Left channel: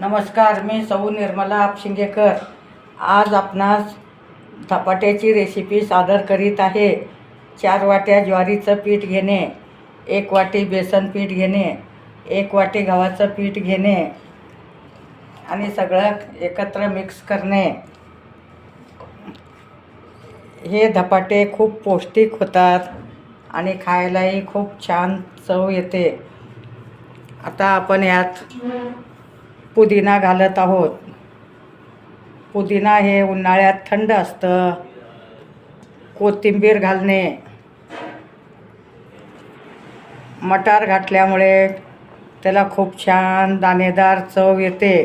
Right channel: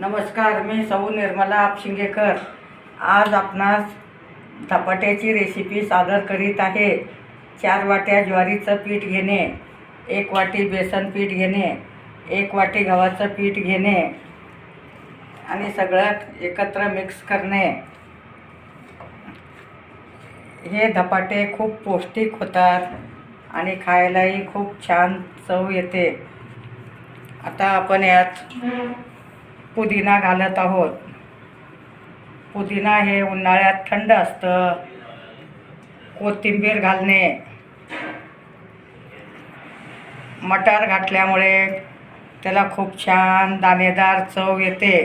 नमस्कार, मी सौ निर्मला आपशिंगेकर आज आपणास धपाट्याची रेसिपी सादर करीत आहे। 4 वाट्या ज्वारीचं पीठ घेणे, 1 वाटी बेसन पीठ घेणे, 1 वाटी गव्हाचं पीठ घेणे आणि सगळं एकत्र मिक्स करणे। हे धपाटे खूप पौष्टिक होतात आणि खायलाही खूप छान चव येते। आता आपण यात पुदिना घालत आहोत। पुदिना हे उन्हाळ्यात थंड असतं। कोथिंबीर घालणे, मटार घातल्यामुळे त्याला खूप छान दाणेदार चव येते।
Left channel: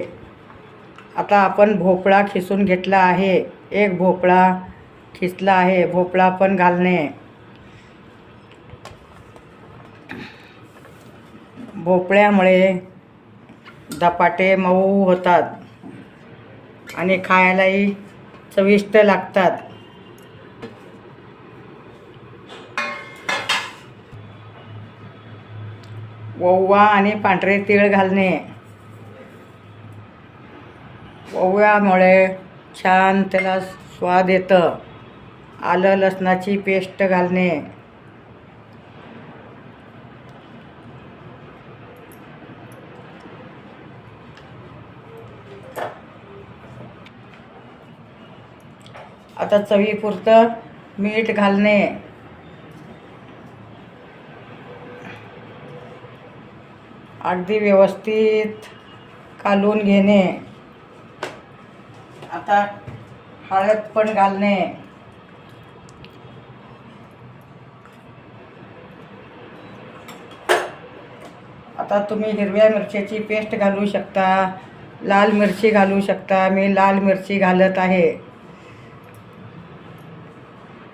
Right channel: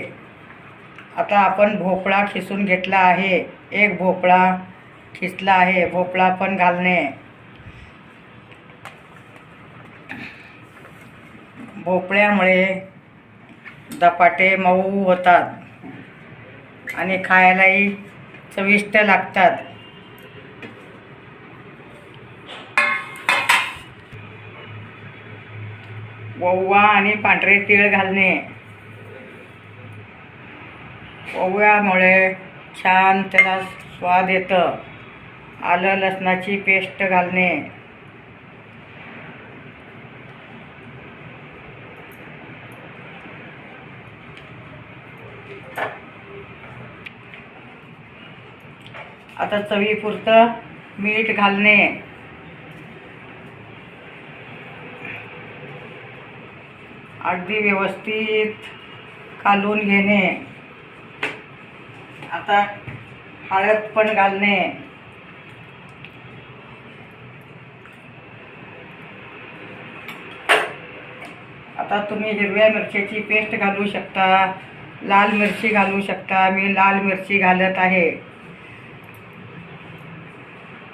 आता आपण भोपळा खिसून घेतला आहे, 1 भोपळा खिसला आहे, भोपळा पण घालणे। भोपळ्यामुळे धपाटे मऊ होतात आणि खायलाही चविष्ट लागतात। ओवा आणि पांढरे तीळ घालणे, ओव्यामुळे छान त्याला स्वाद येतं। आलं लसणाची पेस्ट घालणे, आता चवीपुरतं मीठ घालणे, अगदी व्यवस्थित कालवून घेणे। आता हळद पण घालणे, आता तुम्ही हिरव्या मिरच्याची पेस्ट घालू शकता, लाल मिरची घालू शकता। मी लाल मिरची घालत आहे।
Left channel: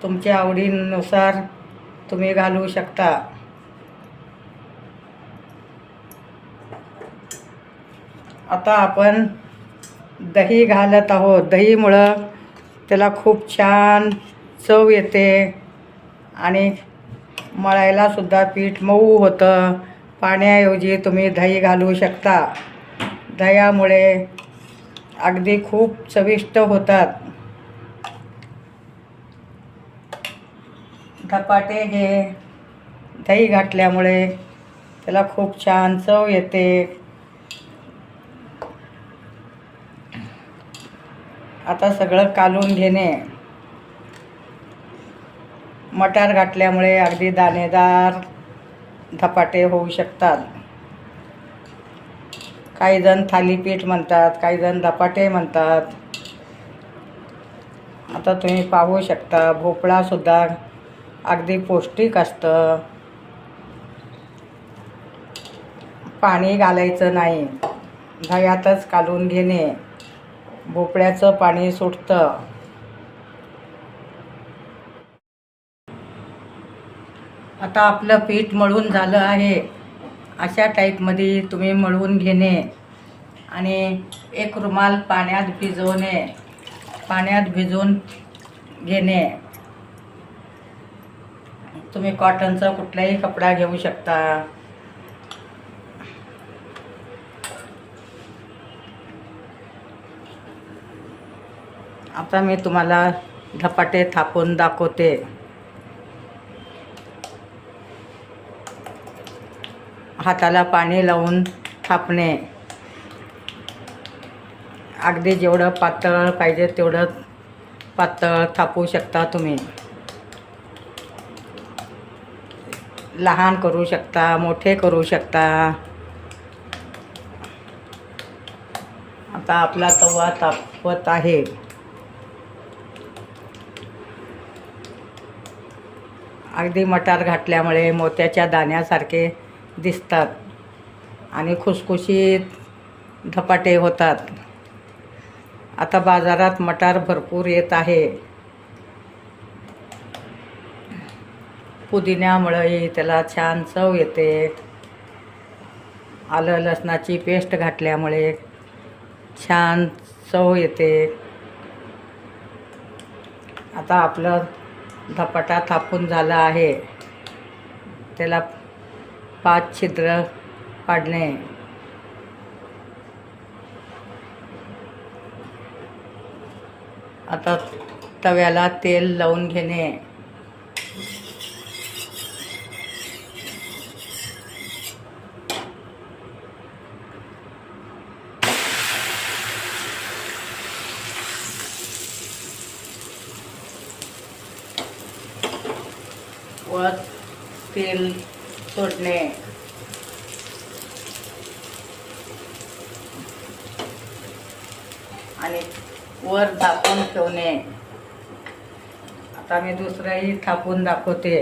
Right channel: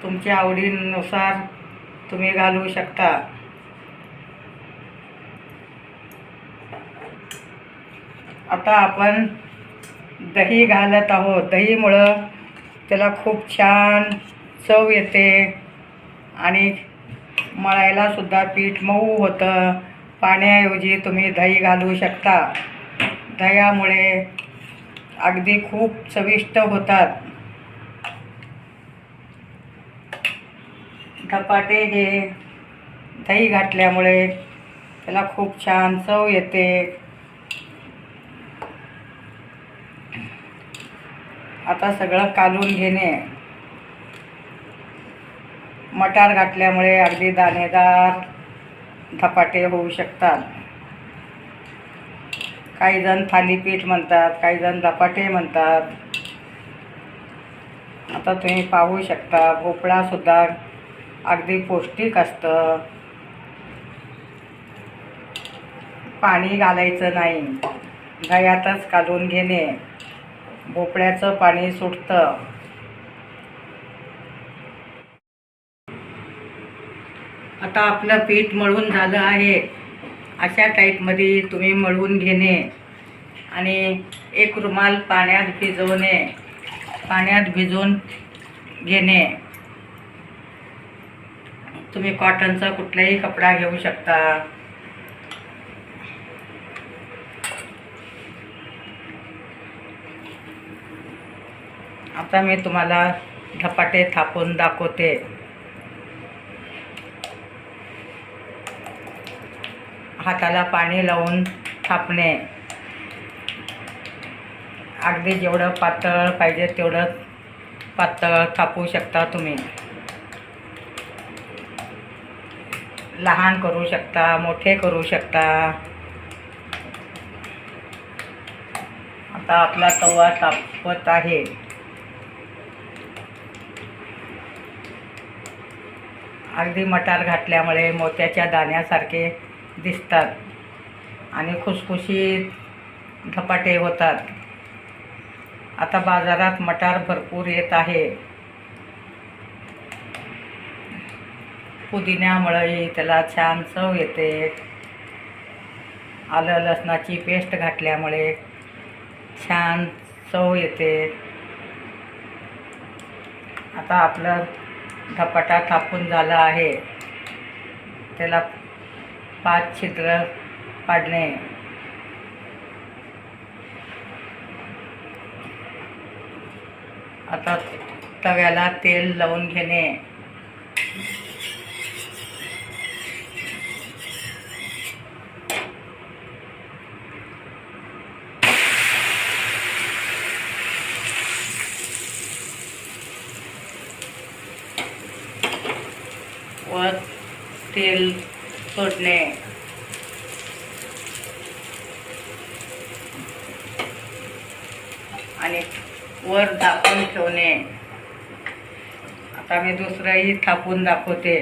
तुमच्या आवडीनुसार तुम्ही घालू शकता। आता आपण दही घालत आहोत। दहीमुळं त्याला खूप छान चव येते आणि मळायला सुद्धा पीठ मऊ होतं। पाण्याऐवजी तुम्ही दही घालू शकता। दह्यामुळे अगदी खूप चविष्ट होतात। धपाटे हे दही घातल्यामुळे त्याला खूप छान चव येते। आता सगळं कालवून घेणे, मटार घातल्यामुळे अगदी दाणेदार धपाटे होऊ शकतात। काही जण थालीपीठ म्हणतात, काही जण धपाटे म्हणतात। आता तुम्ही पाहू शकता, भोपळा सुद्धा अगदी पौष्टिक असतं। पाणी घालायचं नाही, दह्यातच कालवून घेणे, भोपळ्याचं पाणी सुटतं। आता आपलं पीठ मळून झालं आहे। अशा टाईपमध्ये तुम्ही मळून घेणे आणि एक रुमाल पाण्यात भिजवून घेणे। तुम्ही कॉटनचा कुठलाही कपडा घेऊ शकता। आता मी तुम्हाला धपाटे थापून दाखवते। हाताला पाणी लावून थापणे, अगदी जेवढं पातळ पाहिजे तेवढं पातळ थापू शकता तुम्ही। लहान करू शकता, मोठे करू शकता। आता आपला तवा तापत आहे। अगदी मटार घातल्यामुळे मोत्याच्या दाण्यासारखे दिसतात। आणि खुसखुशीत धपाटे होतात. आता बाजारात मटार भरपूर येत आहे. पुदिन्यामुळे त्याला छान चव येते. आलं लसणाची पेस्ट घातल्यामुळे छान चव येते. आता आपलं धपाटा थापून झाला आहे. त्याला 5 छिद्र पाडणे. आता तव्याला तेल लावून घेणे. वर तेल सोडणे. आणि वर झाकून ठेवणे. आता मी दुसरंही थापून दाखवते.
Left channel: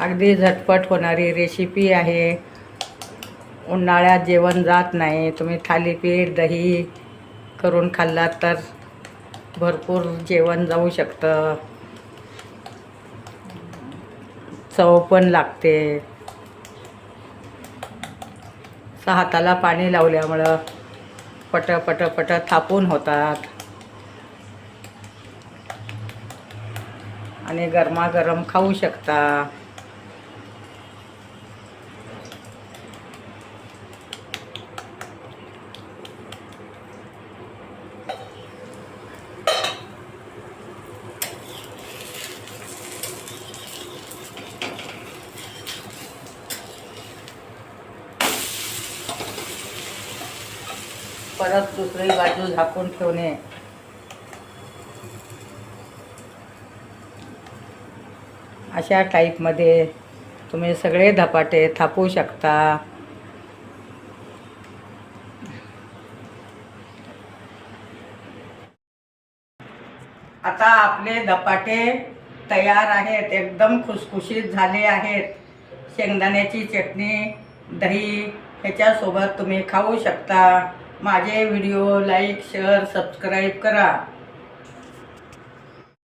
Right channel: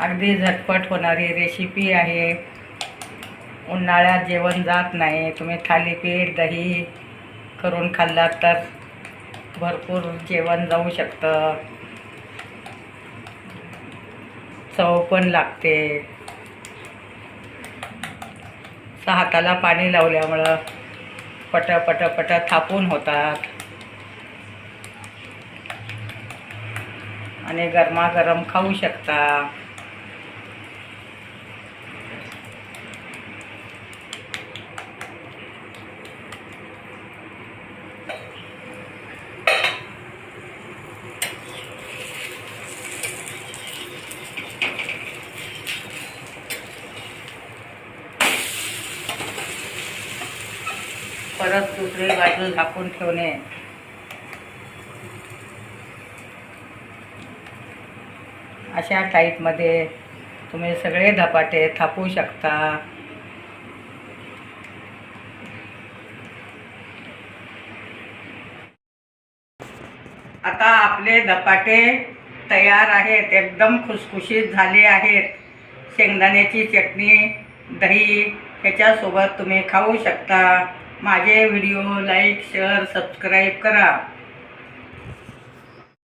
अगदी झटपट होणारी रेसिपी आहे. उन्हाळ्यात जेवण जात नाही. तुम्ही थालीपीठ दही करून खाल्लात तर भरपूर जेवण जाऊ शकतं. चव पण लागते. हाताला पाणी लावल्यामुळं पट पट पट थापून होतात आणि गरमागरम खाऊ शकता. परत दुसरी बाजू झाकून ठेवणे. अशा टाईपमध्ये तुम्ही सगळे धपाटे थापू शकता. आता आपले धपाटे तयार आहेत. एकदम खुसखुशीत झाले आहेत. शेंगदाण्याची चटणी दही ह्याच्यासोबत तुम्ही खाऊ शकता. माझे व्हिडिओ लाईक शेअर सबस्क्राईब करा.